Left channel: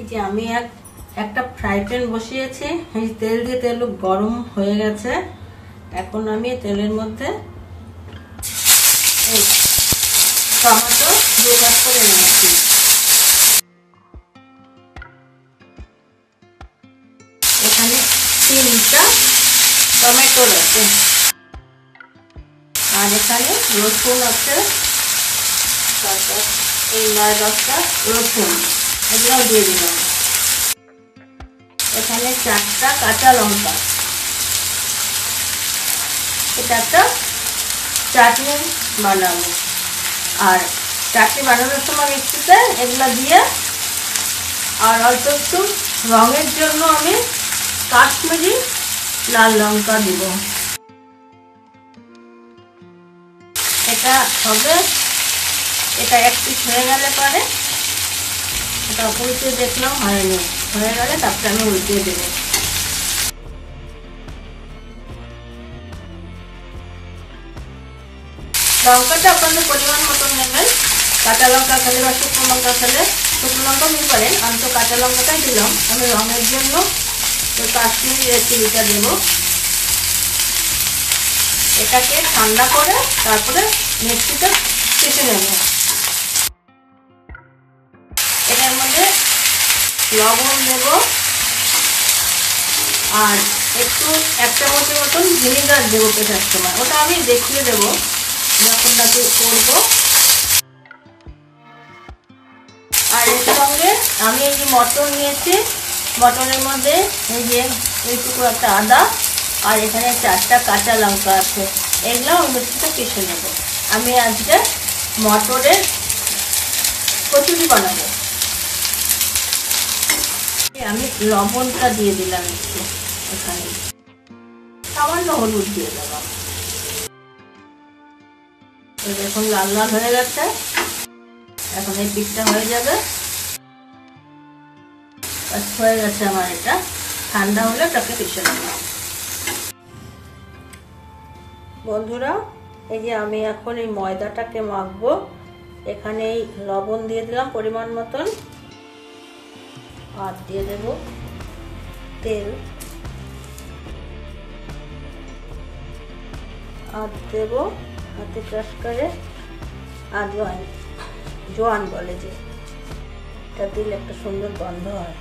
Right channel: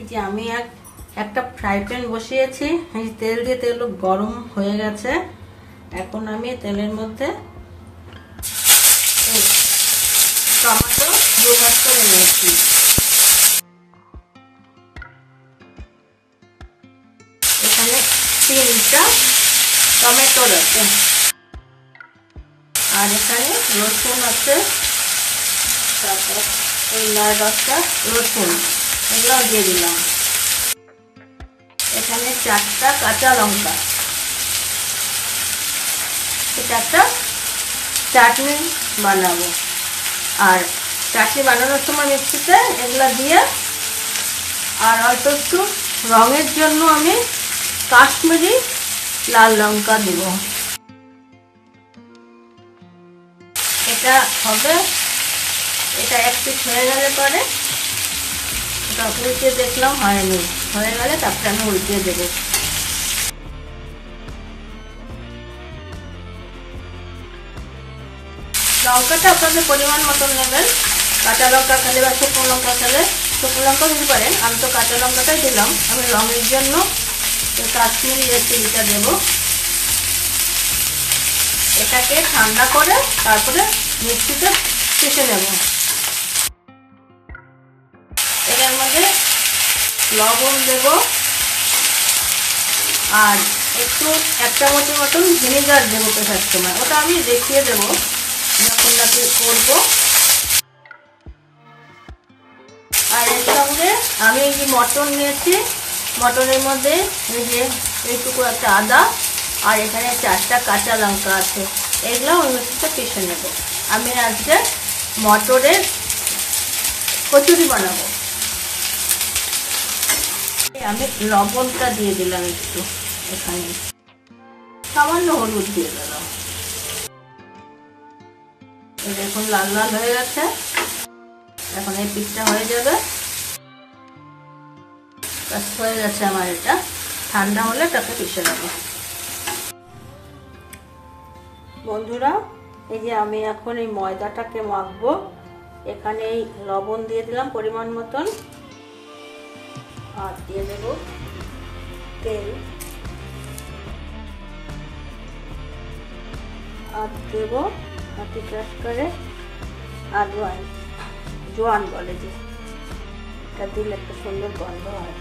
এই যে আমি একটা ফ্রাই প্যান বসিয়েছি, এই তেল দিয়ে তেল গরম হয়ে গেছে। এখন আমি তেলের মধ্যে টমেটো দিয়ে করে নিয়েছি। এখানে 3টা টমেটো আছে, আর এখানে রসুন আছে, তারপর এই 9-10টা রসুন, এগুলো দিয়ে দিলাম। এখানে 4টা কাঁচা লঙ্কা। এটা একটা চাটনি বানাবো, আর চাটনি বানানোর সময় মিক্সিতে এগুলো দিয়ে, আর অল্প একটু রঙের জন্য আমি কাশ্মীরি লাল লঙ্কা দিব। এটা হবে, এটা একটু হয়ে গেলে পরে এটা উল্টে দেখলাম হয়নি, হয়ে গেলে তারপরে আমি উল্টে দেবো। লঙ্কাটা আপনাদের পরিমাণ মতো নেবেন। কাঁচা লঙ্কা খেলে বা শুকনো লঙ্কা খেলে শুকনো লঙ্কা দিতে পারেন, আমি তো কাঁচা লঙ্কাটাই দিলাম। আমি রঙের জন্য কাশ্মীরি রেড চিলিটা দেবো। এটাকে ঠান্ডা করে তারপরে মিক্সিতে পিষে নেব। এটার মধ্যে লবণ দেব, আর একটু 1 চামচের মতন ভিনেগার দেবো পেটার সময়, ওটা আমি দেখিয়ে দেবো যখন নাকি করবো। আর এর সঙ্গে আমি এই যে মটন নিয়েছি, মটনের মধ্যে এই যে এইটুকু একটা আদা, আর এখানে 4টা কাঁচা লঙ্কা আছে, এগুলো মিক্সিতে পিষে নেব। আমি আজকে মটরের কচুরি বানাবো। আমি লবণটা দিয়ে দিলাম একটু, এখানে সামান্য হলুদ দিয়ে দিলাম। দেখুন লাল লাল হয়ে গেছে, এখন এই পিঠটা হয়ে যাবে। হয়ে গেছে আমার, এটা ঠান্ডা হলে তাকে পিষে নেব। বন্ধুরা, এই যে আমি এখন এই ময়দাটাকে মাখবো। এখানে এই লবণ দিয়ে দিলাম পরিমাণ মতন, আর দিয়ে দেব তেল, আর দেব হাতে ক্রাশ করে আজওয়াইন, জোয়ান বলে যে, এটা দিলে একটা সুন্দর গন্ধ হয়।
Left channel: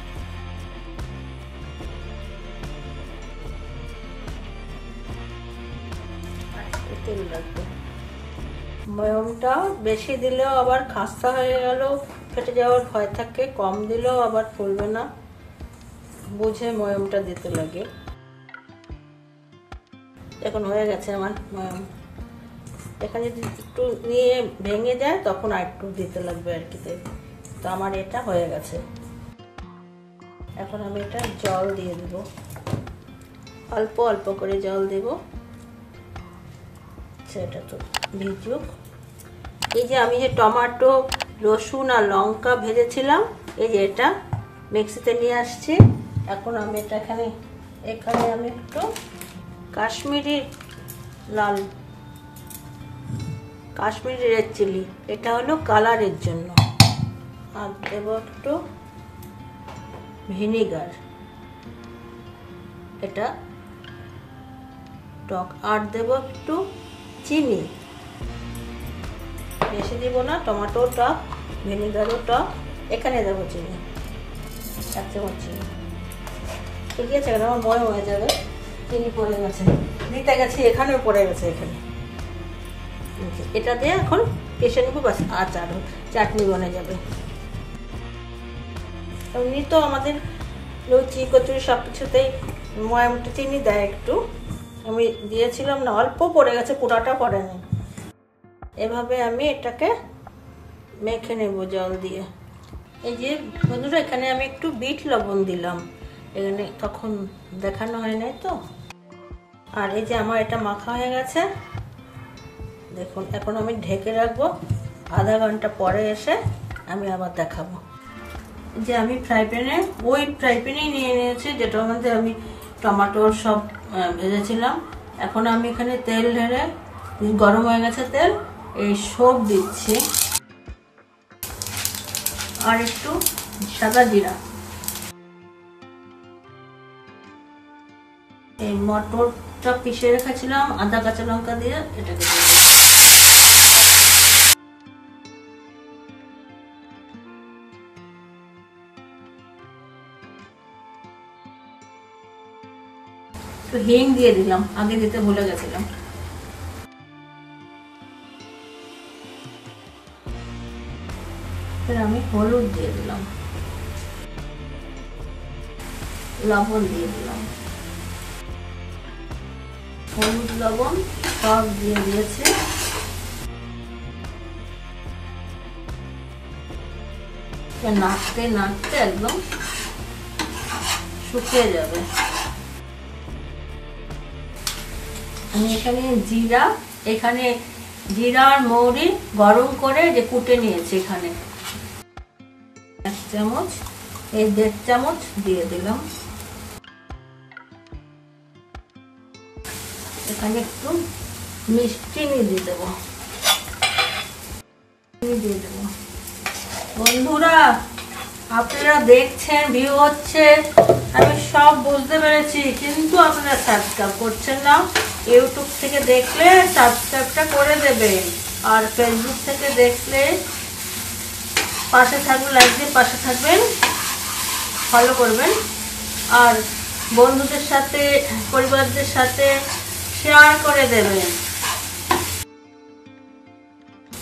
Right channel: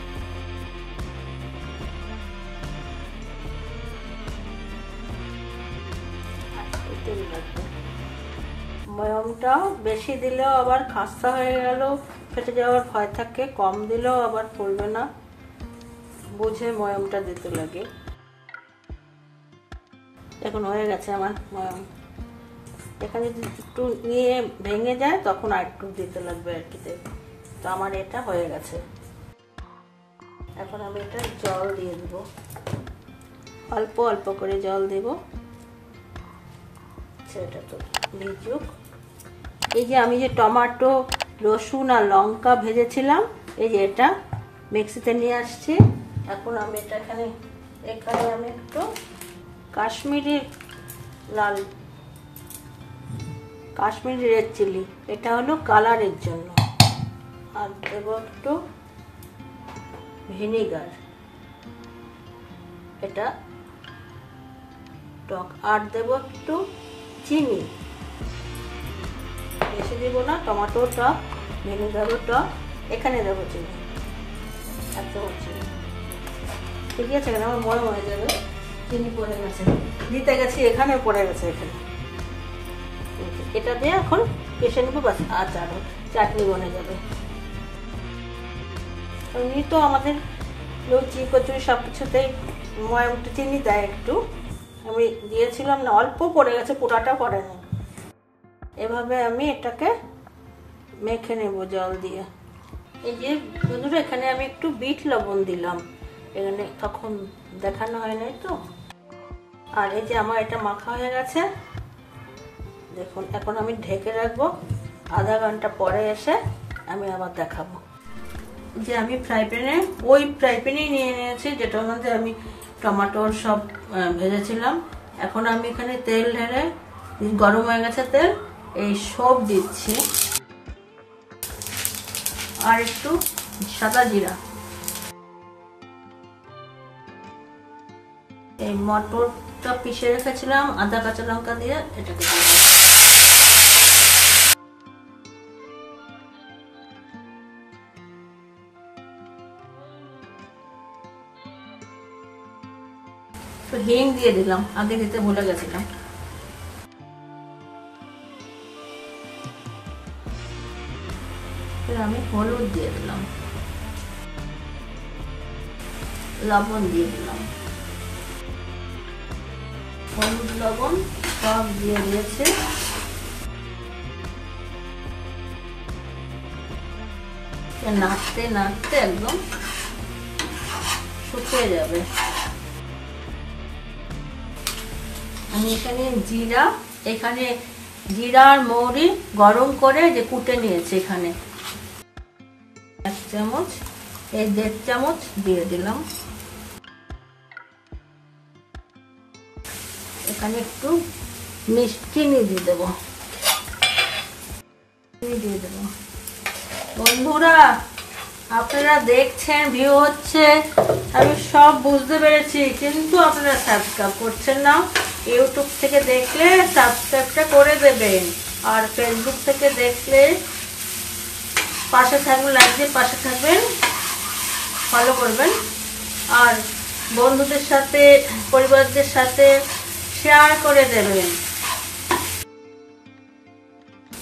তেল লাগবে। ময়মটা বেশি দিলেও আবার খাস্তা হয়ে গেল, ফেটে যাওয়ার ভয় থাকে, কম দিলেও আবার ফুলবে না, বুঝে ময়মটা দিতে লাগে। এখন হয়ে গেছে আমার ময়ম। এখানে যদি একটু নিয়ে ভেঙে যায় তখন আর একটু দিতে লাগবে আর কি। তো আমার এটা হয়ে গেছে। এখন আমি এটা জল দিয়ে দিব, অল্প অল্প করে জল দেব, সেটা তো ভিজুক। এই যে আমি যে টমেটো, রসুন আর লঙ্কা ভেজেছিলাম, এই যে এটা মিক্সিতে নিয়ে আসছি। এখন আমি এটা এখানে আমি একটু কাশ্মীরি রেড চিলি, এটা হলো কালারের জন্য, আর দেব একটু ভিনেগার, এটা টক, আর দেব একটু চিনি, বেশি দেব না, টমেটো টক, ভিনেগারও টক। এখানে দেবো চিনি, 1 চামচ চিনি। ঠিক আছে, আমার মনে হয়ে যাবে চিনি পড়ে গেছে, দিতে গেছি এখানে পড়ে গেছে এখানে। এটা দিয়ে এখন পিষে নেবো, বাস আচার চাটনি বনে যাবে। এমনি তো আমাদের লুচি কচুরি সব কিছুতেই ময়মটা চিনি দেয় একটু, আমি দিয়েছিলাম না, অল্প পড়ে গেছে, পুরাটা পড়েনি। এভাবে আমি এটাকে মেখে নেব জল দিয়ে। এই যে বন্ধুরা, এখানে আমি একটু বিট লবণ দিলাম, এখানে তখন দেখানো হয় নাই তো। আর এই যে আমার এটা মাখা হয়ে গেছে, দেখুন। এখন আমি ঢেকে রাখবো, আধা ঘন্টা পরে এসে আমি আবার দেখাবো। যে আমি ওই ফ্রাই প্যানেই নিয়ে নিয়েছি, যেটার মধ্যে আমি টমেটোর সব ভেজেছিলাম। এখন আমি এখানে তেল ঢেলে, গরম হয়ে গেছে তেল, এই সব দিচ্ছি, আর একটু সাদা জিরা, এই মটরটা পিষে রেখেছিলাম আদা কাঁচা লঙ্কা দিয়ে, এটাকে তো হিং দিয়ে দিলাম, আগে দিতে ভুলে গেছিলাম। আমি হলুদ দিয়ে দিলাম, লবণ দিয়ে দিলাম, হলুদ লবণ সব দিয়ে দিয়েছে। নাড়তে নাড়তে একদম শুকিয়ে যাবে। আমি এখানে জিরা আর মৌরি গরম করে যে কুটে নিয়েছি, এখানে 1 চামচ, এই 1.5 চামচ দিয়ে দিলাম। এখানে একটু চিনি দিয়ে দেবো। বন্ধুরা আপনারা দেখছেন, ভিউ হচ্ছে, আমি সব বুঝতে পেরেছি, কিন্তু আপনারা সাবস্ক্রাইব করছেন না। ইউটিউব থেকে দেখলে সাবস্ক্রাইবটা করে দেবেন, আর ফেসবুক থেকে দেখলে পাশে থাকবেন, লাইক দিয়ে পাশে থাকবেন, ফলো করবেন, আর বন্ধুদের সাথে পরিবারদের সাথে শেয়ার করে দেবেন।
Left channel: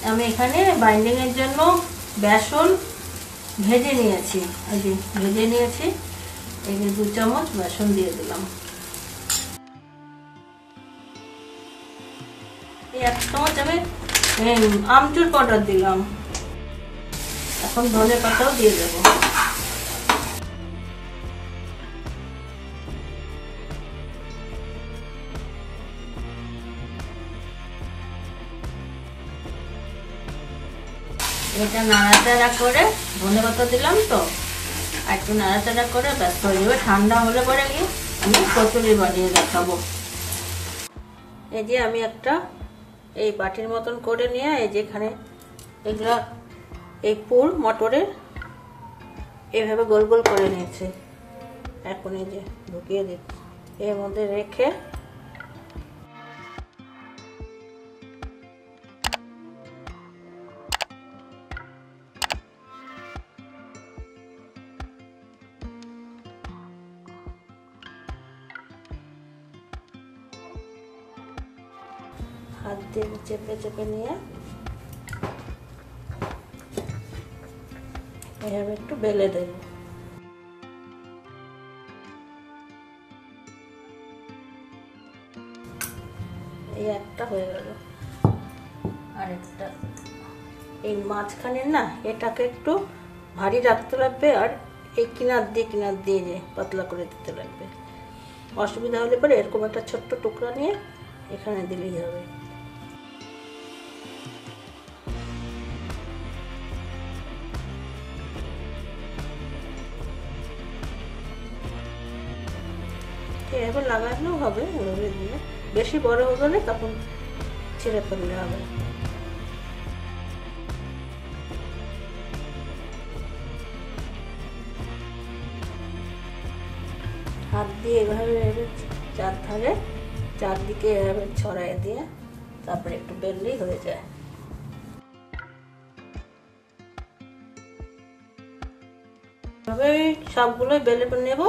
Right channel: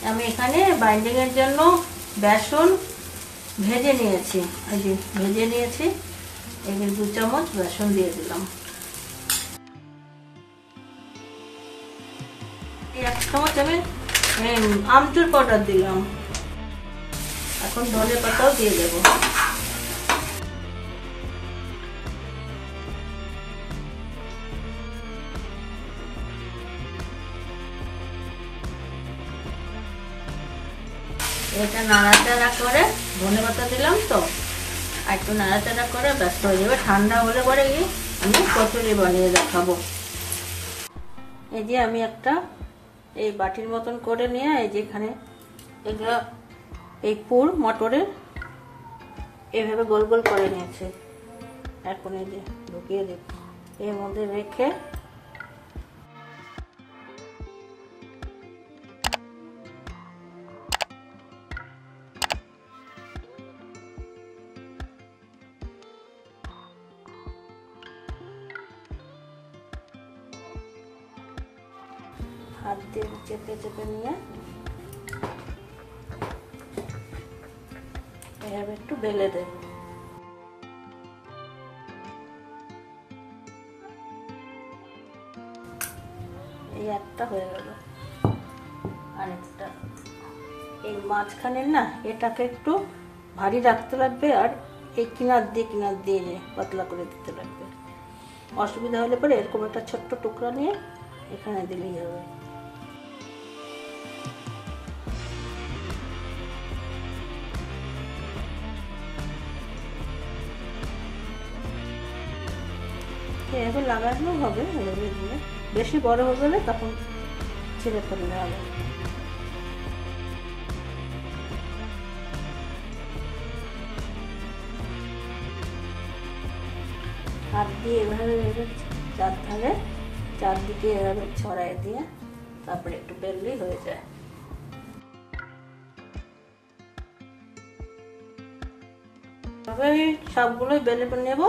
আমি এখানে বাইন্ডিং এর জন্য বেসন ভেজে নিয়েছি, এই 2 চামচ বেসন দিয়ে দিলাম। 1 চামচ আমি আমচুর পাউডার দিলাম। এখন ধনে পাতাও দিয়ে দেবো। এটা নাড়াচাড়া করে, ধনে পাতা দিলাম তো, একটু নাড়াচাড়া করে ব্যস্ত হয়ে যাবে। ঠান্ডা হলে পরে গিয়ে আমি কচুরি বানিয়ে দেখাবো। এই যে আমি একটা এই বাটির মতন করে নিয়ে, এই যে এখানে এগুলা এই পুর মটরের এভাবে গোল গোল করে নিয়েছি। এখন এই যে ঢুকিয়ে দিচ্ছি, এর মধ্যে রেখে হাত দিয়ে চেপে চেপে নিয়ে এভাবে একটু বেলে দেব। এই একটা হয়ে গেল, আরেকটা এই মাঝখানের না, এটাকে একটু ভারী রাখতে লাগবে, আর এই কিনার দিয়ে যে পাতলা করে দিতে লাগবে। অসুবিধা হলে পরে এরকম একটা ছোট্ট টুকরা নিয়ে এখানে দিলেই হবে। এভাবে লাগানো হবে, বেশি বড় হবে না, তখন ছেড়ে ফেললে হবে। হাত দিয়ে এভাবে চারদিকে এভাবে ছড়াই দিয়ে তারপরে একটু বেললেই হয়ে যায়। সবগুলো বেলে নেব,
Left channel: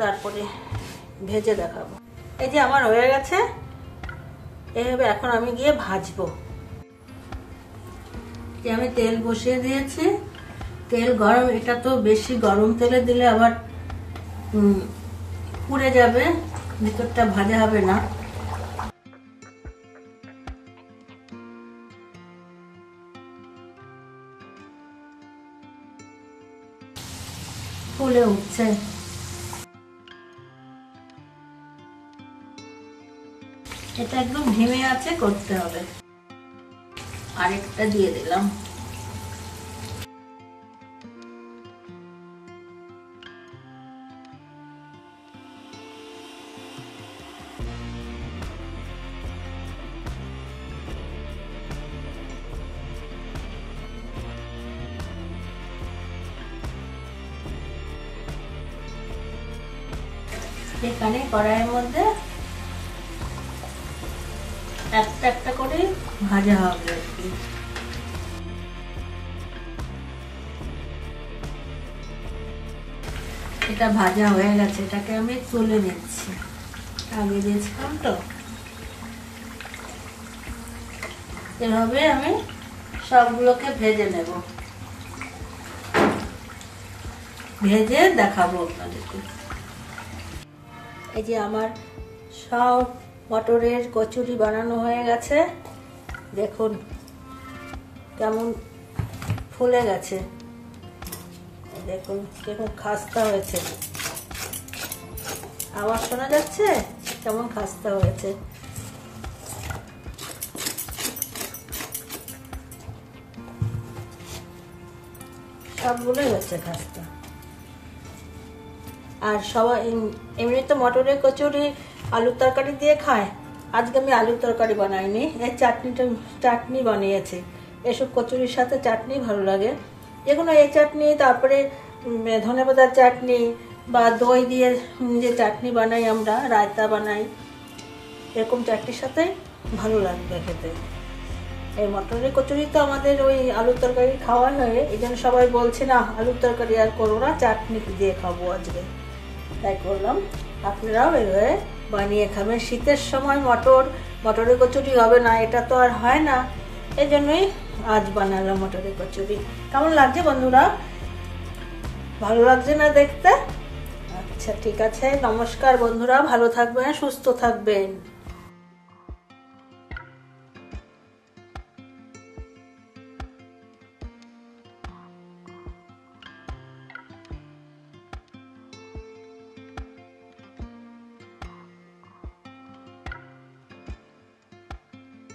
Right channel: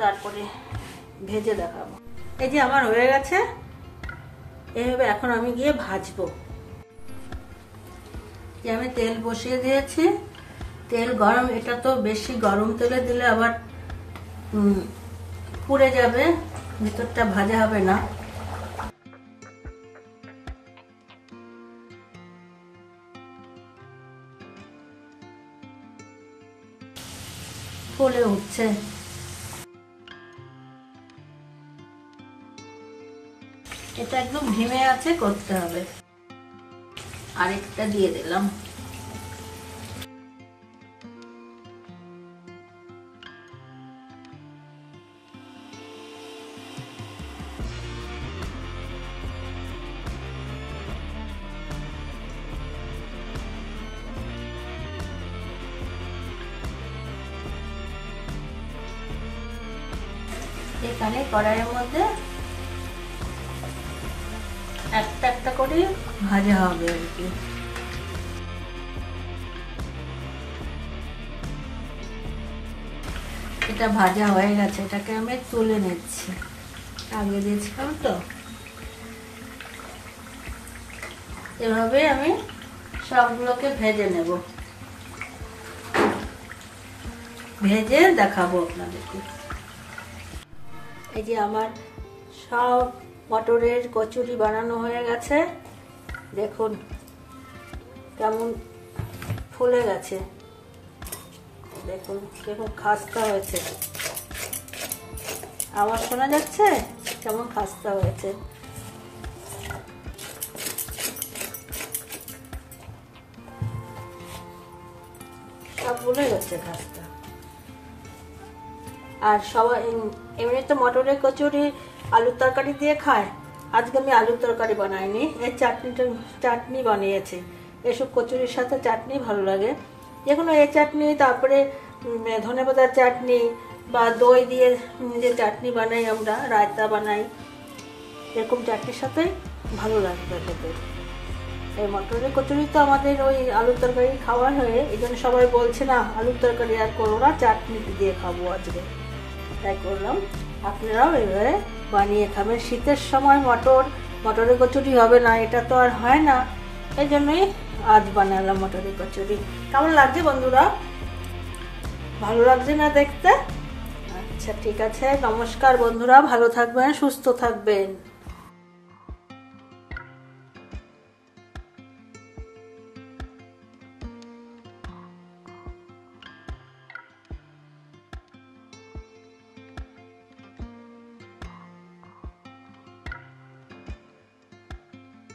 তারপরে ভেজে দেখাবো। এই যে আমার হয়ে গেছে, এইভাবে এখন আমি গিয়ে ভাজবো। আমি তেল বসিয়ে দিয়েছি, তেল গরম। এটা তো বেশি গরম তেলে দিলে আবার পুড়ে যাবে, ভিতরটা ভাজা হবে না। ফুলে উঠছে। এটা একদম ধিমে আছে করতে হবে। আরেকটা দিয়ে দিলাম। এখানে কড়াইয়ের মধ্যে একটা একটা করে ভাজা হবে আর কি। এটা ভাজা হয়ে গেছে, এটাকে আমি তুলে নিচ্ছি। আগে দিয়েছিলাম তো, এভাবে আমি সবগুলোকে ভেজে নেব, ভেজে দেখাবো আপনাদেরকে। এই যে আমার সব মটরের কচুরি বানানো হয়ে গেছে, দেখুন কেমন ফুলে গেছে, দেখুন কেমন খাস্তা হয়েছে, আওয়াজ শোনা যাচ্ছে কেমন খাস্তা হয়েছে। সব ভুলে গেছে খাস্তা। আর সবাই এমনি তো মটরের কচুরি আলুর তরকারি দিয়ে খায়, আজকে আমি আলুর তরকারি বানাইনি, এই চাটনি বানিয়েছি। এসব কচুরির সাথে চাটনি ভালো লাগে, যেকোনো এই চাটনি, তারপরে ধনেপাতার চাটনি বা দই দিয়ে যে চাটনি বানাই আমরা, রায়তা বানাই, এরকম চাটনির সাথে ভালো লাগবে খেতে। এই মটরের কচুরি তো আমাদের ওই আলুর তরকারি খাওয়া হয়ে, এই জন্য সবাই বলছে না আলুর তরকারি আর করো না, চাটনি দিয়ে খাবো আজকে, তাই করলাম। আপনারাও এভাবে বানিয়ে খাবেন। শীতের সময় মটরের কচুরি হবে না, এটা তো আর হয় না, এই জন্যই আজ বানালাম মটরের কচুরি। কেমন লাগছে বন্ধুরা? ভালো লাগছে না দেখতে? আচ্ছা ঠিক আছে, নমস্কার বন্ধুরা, ভালো থাকবেন, সুস্থ থাকবেন।